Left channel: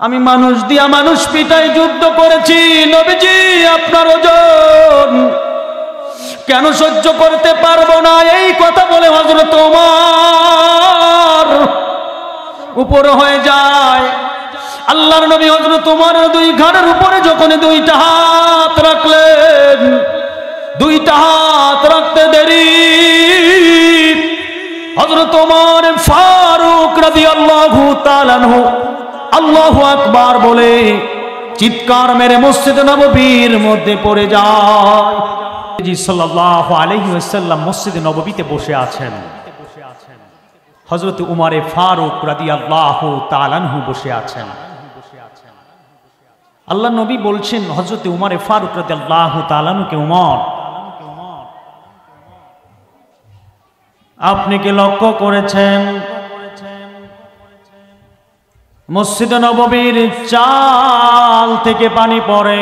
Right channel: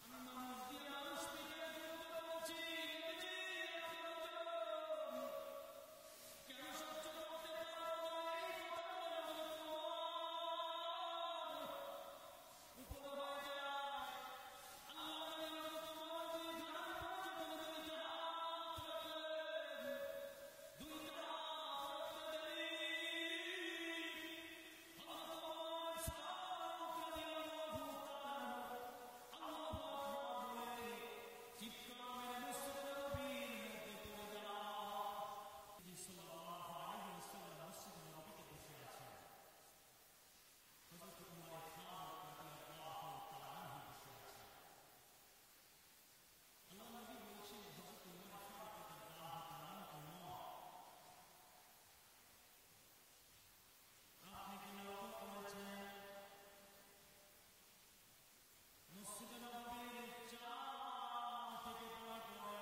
আমি মানুষ দিয়া মানুষ পিটাই যুদ্ধ করেছি, নবীজি আপনার ওজন কেন সহ্য করতে পারবো না? এই কথা বলে হযরত ওমর উপর হয়ে যায়। আল্লাহর নবী হযরত ওমরের দুই ঘাড়ের উপরে যখন দুইটা হাত রাখলেন, দুইটা হাত রাখতে দেরি হযরত ওমর ফারুক রাদিয়াল্লাহু তাআলা আনহু আল্লাহু আকবার বলে চিৎকার মেরে মসজিদ নববীর মধ্যে পড়ে যায়। জি সাল্লাল্লাহু আলাইহি ওয়াসাল্লাম মসজিদ নববীতে বসে আছেন, হযরত উমর ফারুক রাদিয়াল্লাহু তাআলা আনহু বসে আছেন। আল্লাহ নবী বলছেন হযরত উমর ফারুক রাদিয়াল্লাহু তাআলা আনহুকে, উমর আপনি কি লক্ষ্য করেছেন মসজিদ নববীর চাল থেকে পানি পড়ে?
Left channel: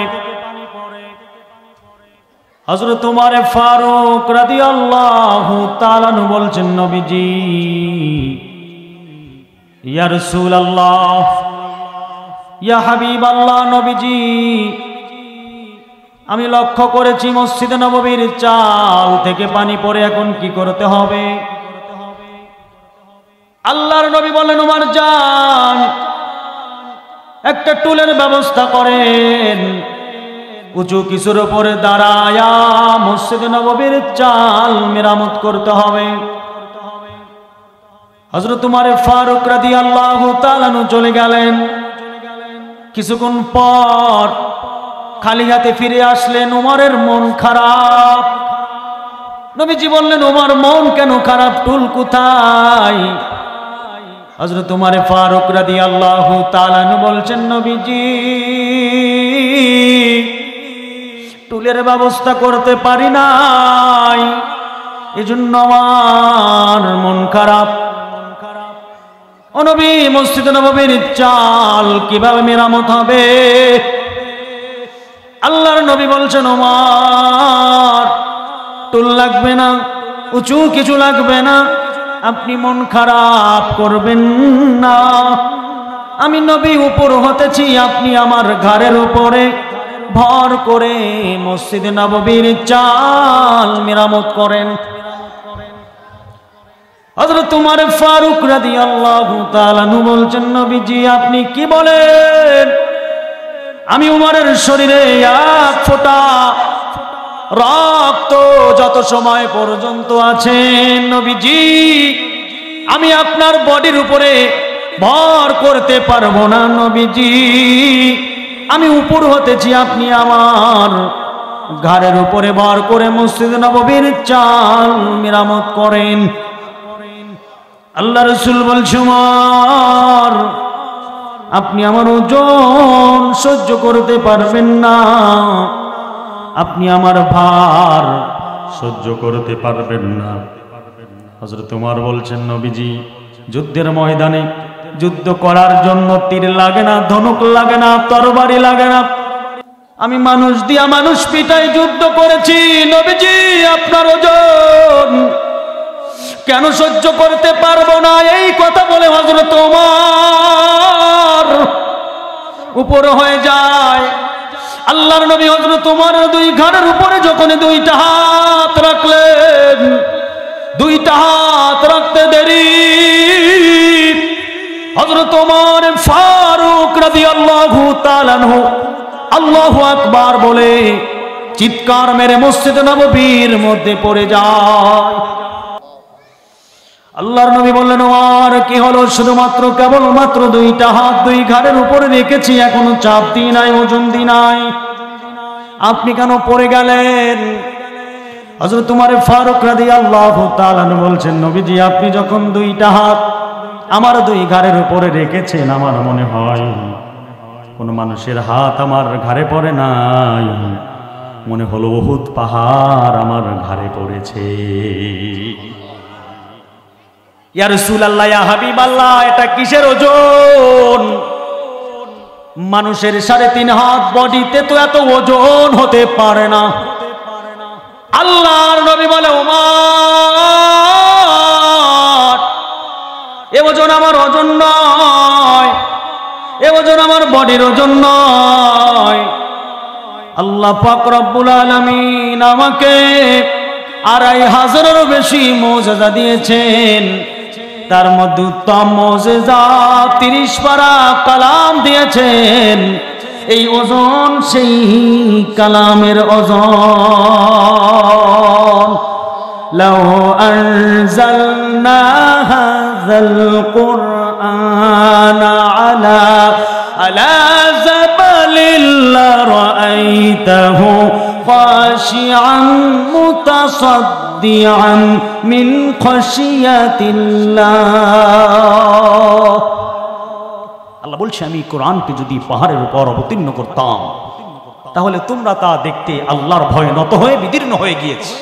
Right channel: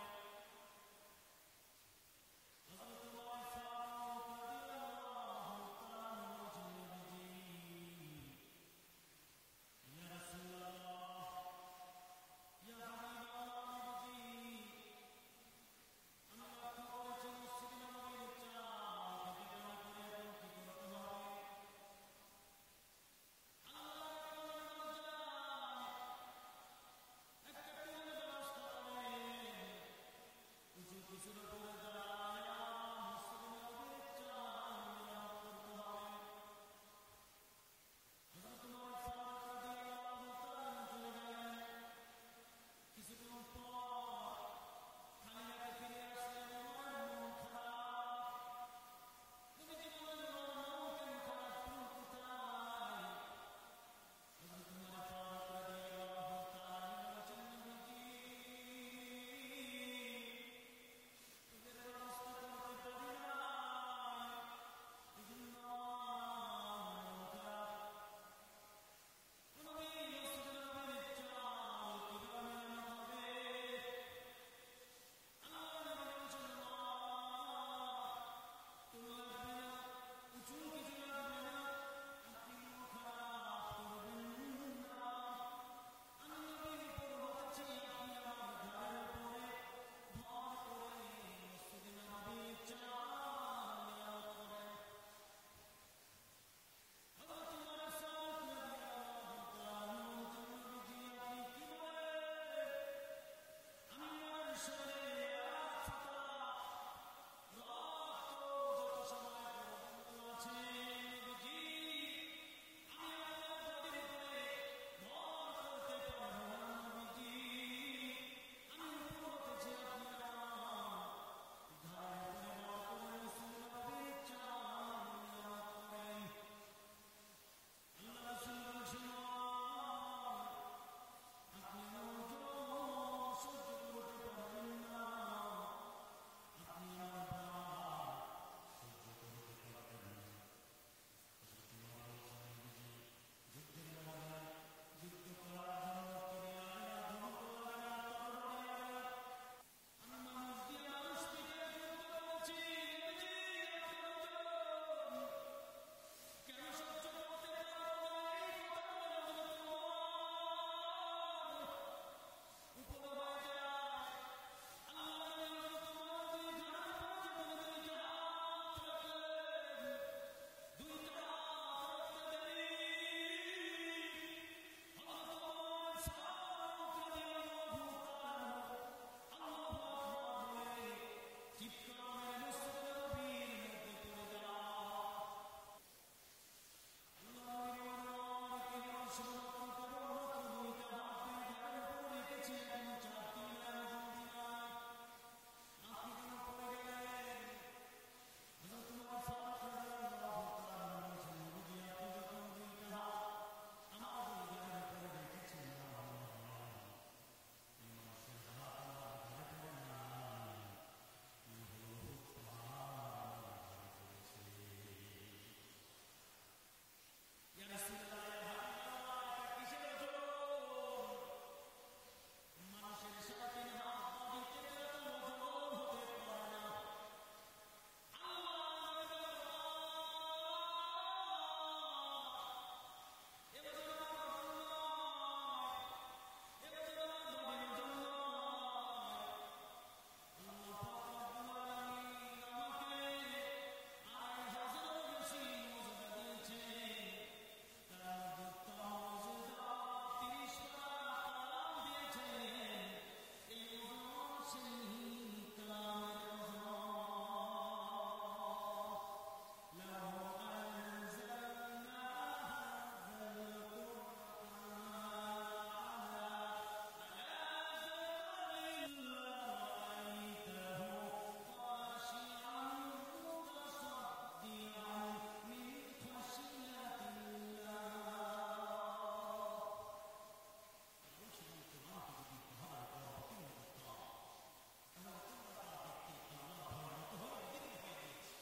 হযরত উমর ফারুক রাদিয়াল্লাহু তাআলা আনহু বলছেন, নবীজি ইয়া রাসূলুল্লাহ, ইয়া হাবিবাল্লাহ, নবীজি আমি লক্ষ্য করেছি মসজিদ নববীর চাল থেকে পানি পড়ে, এখন কি করতে হবে? আল্লাহর নবী বলেন, উমর যান একটা টুলের ব্যবস্থা করেন, উঁচু কিছুর উপরে দাঁড়ায়া মসজিদ নববীর চাল মেরামত করতে হবে। হযরত উমর ফারুক রাদিয়াল্লাহু তাআলা আনহু চলে গেলেন। কিছুক্ষণ পর খালি হাতে ফিরে আসলেন। উমরের মন খারাপ। নবীজি বললেন, উমর মন কেন খারাপ, টুল কোথায়? হযরত উমর ফারুক রাদিয়াল্লাহু তাআলা আনহু বলছেন, নবীজি টুলের ব্যবস্থা করতে পারি নাই, এজন্য আমার মন খারাপ। ও নবী, মসজিদ নববীর চাল কিভাবে মেরামত হবে? আল্লাহর নবী বলছেন, ওমর টুল লাগবে না, উঁচু কিছু লাগবে না, আপনি মন খারাপ করবেন না। আমি নবী উপর হতেছি, আপনি আমার ঘাড়ের উপরে ভর করে মসজিদ নববীর চাল মেরামত করেন। হযরত উমর ফারুক রাদিয়াল্লাহু তাআলা আনহু বলছেন, নবীজি আপনি কি বলেন? আমি উমরের শরীরে এক ফোঁটা রক্ত যত সময় পর্যন্ত আছে, নবীজি আমি আপনার বডির উপরে ভর করতে পারবো না। নবীজি আমি উপর হতেছি, আপনি আমার ঘাড়ের উপরে ভর করে মসজিদ নববীর চাল মেরামত করেন। আল্লাহ রাসূল বলছেন, উমর আপনি আমার ওজন সহ্য করতে পারবেন না, আপনি আমার ভার সহ্য করতে পারবেন না। হযরত উমর বলছেন, নবীজি যুদ্ধের ময়দানে যুদ্ধ করার জন্য তীর লাগে না, ধনুক লাগে না, তরবারি লাগে না, আমি মানুষ দিয়া মানুষ পিটাই যুদ্ধ করেছি, নবীজি আপনার ওজন কেন সহ্য করতে পারবো না? এই কথা বলে হযরত ওমর উপর হয়ে যায়। আল্লাহর নবী হযরত ওমরের দুই ঘাড়ের উপরে যখন দুইটা হাত রাখলেন, দুইটা হাত রাখতে দেরি হযরত ওমর ফারুক রাদিয়াল্লাহু তাআলা আনহু আল্লাহু আকবার বলে চিৎকার মেরে মসজিদ নববীর মধ্যে পড়ে যায়। আল্লাহর নবী বললেন, ওমর কি হলো? শুধুমাত্র কেবলমাত্র দুইটা হাত দুই ঘাড়ের উপরে রেখেছি, এখনো চাপ দিই নাই, ওজন দিই নাই, আপনি কেন পড়ে গেলেন? হযরত উমর ফারুক রাদিয়াল্লাহু তাআলা আনহু বলছেন, নবীজি আপনি যখন দুইটা হাত আমার দুই ঘাড়ের উপরে রেখেছেন, আমার মনে হয় কোন মানুষের হাত আমার ঘাড়ে পড়ে নাই, মনে হলো উহুদ পাহাড় আমার ঘাড়ে পড়েছে। ইয়া রাসূলুল্লাহ, ইয়া হাবিবাল্লাহ, এটা কিসের ওজন? মানুষের 3.5 হাত বডিতে তো এত ওজন হতে পারে না। আল্লাহর নবী বলে, ওমর এ ওজন আমার ওজন নয়, এ ওজন ওজন আমার বডির ওজন নয়। আল্লাহ পাক রব্বুল আলামিন আমাকে 2500-এরও বেশি মুজিজা দিয়েছেন। তার মধ্যে উত্তম মুজিজা 30 পারা কালাম দিয়েছেন। এই ওজন সেই কালামের ওজন। লাউ আনজালনা হাযাল কুরআনা আলা জাবালিল লারাআইতাহু খাশিআন মুতাসাদ্দিআন মিন খাশিয়াতিল্লাহ। আল্লাহ বলছে, আমি কোরআনকে যদি পাহাড়ের উপর অবতীর্ণ করতাম তাহলে তোমরা তা দেখতে আল্লাহর ভয়ে নত হয়ে বিদীর্ণ হয়ে গিয়েছে।